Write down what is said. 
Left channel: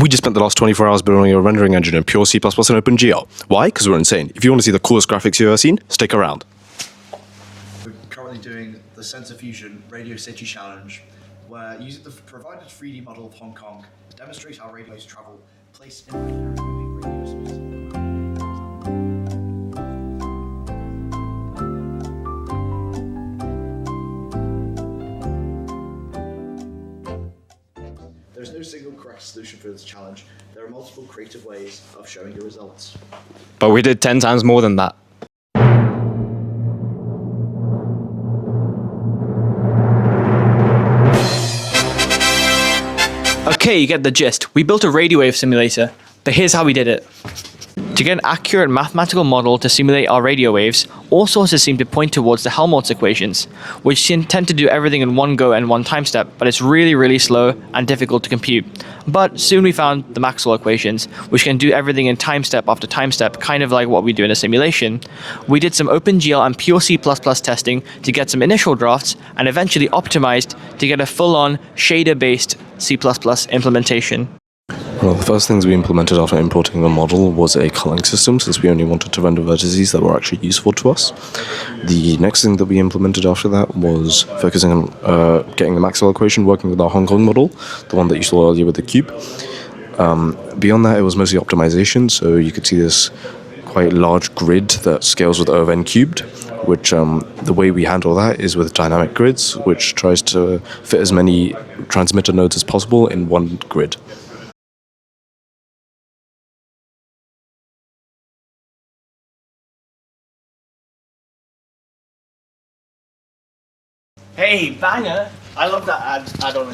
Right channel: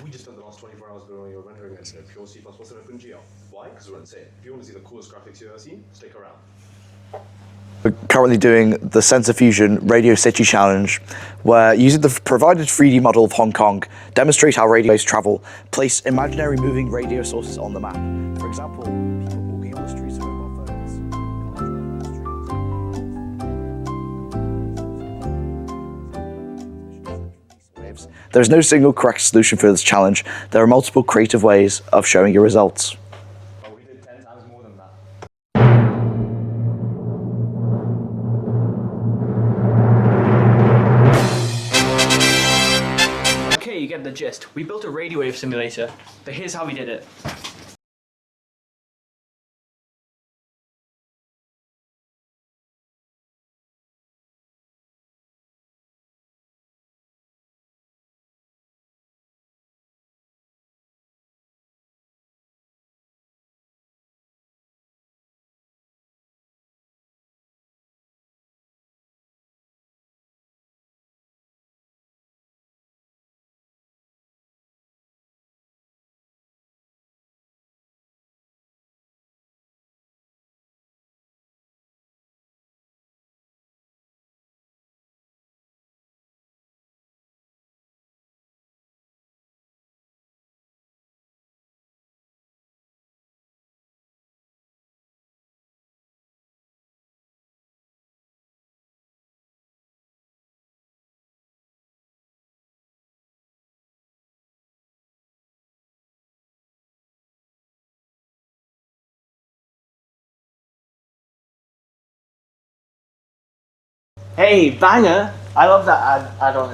We just spent the last 24 hours building a rendering engine in pure C++ and OpenGL. Why? Because we're insane. If you want to see the coolest graphics you've ever seen, stick around. We're currently doing the Sensofusion Radio City Challenge, where using the provided 3D model of Hong Kong, demonstrate how radio waves travel, place imaginary moving radio sources on the map. For example, walking on the streets of There is no single correct solution for this challenge. There are multiple creative ways of showing your results. But we did 10 times more than that. Okay, you get the gist. We built a radio wave simulator, but here's how we did it. To get an accurate mathematical model to simulate our radio waves, all sources seem to point towards the Helmholtz equations, which tend to do everything in one go and one time step, but it's really slow and difficult to compute. But soon we found the Maxwell equations, which can do everything in time step after time step, kind of like what we do in a simulation. We did some OpenGL and pure C++ testing to get some initial drafts, and eventually optimized to get a full-on shader-based C++ implementation. Well, the first things we implemented after importing the model was a culling system, since we only wanted to render vertices that were actually useful to us. The next thing that we implemented after that was focusing on getting the Maxwell equation working with our Hong Kong model, the one that you saw earlier with the cube. Beyond that, it was mostly optimization, so you could see this quite large grid that scales with O of n cubed, which the way we handle that is with dynamic grids, which tries to fit as many transmitter nodes as possible in one grid. Hey, banger! I love that ad. I don't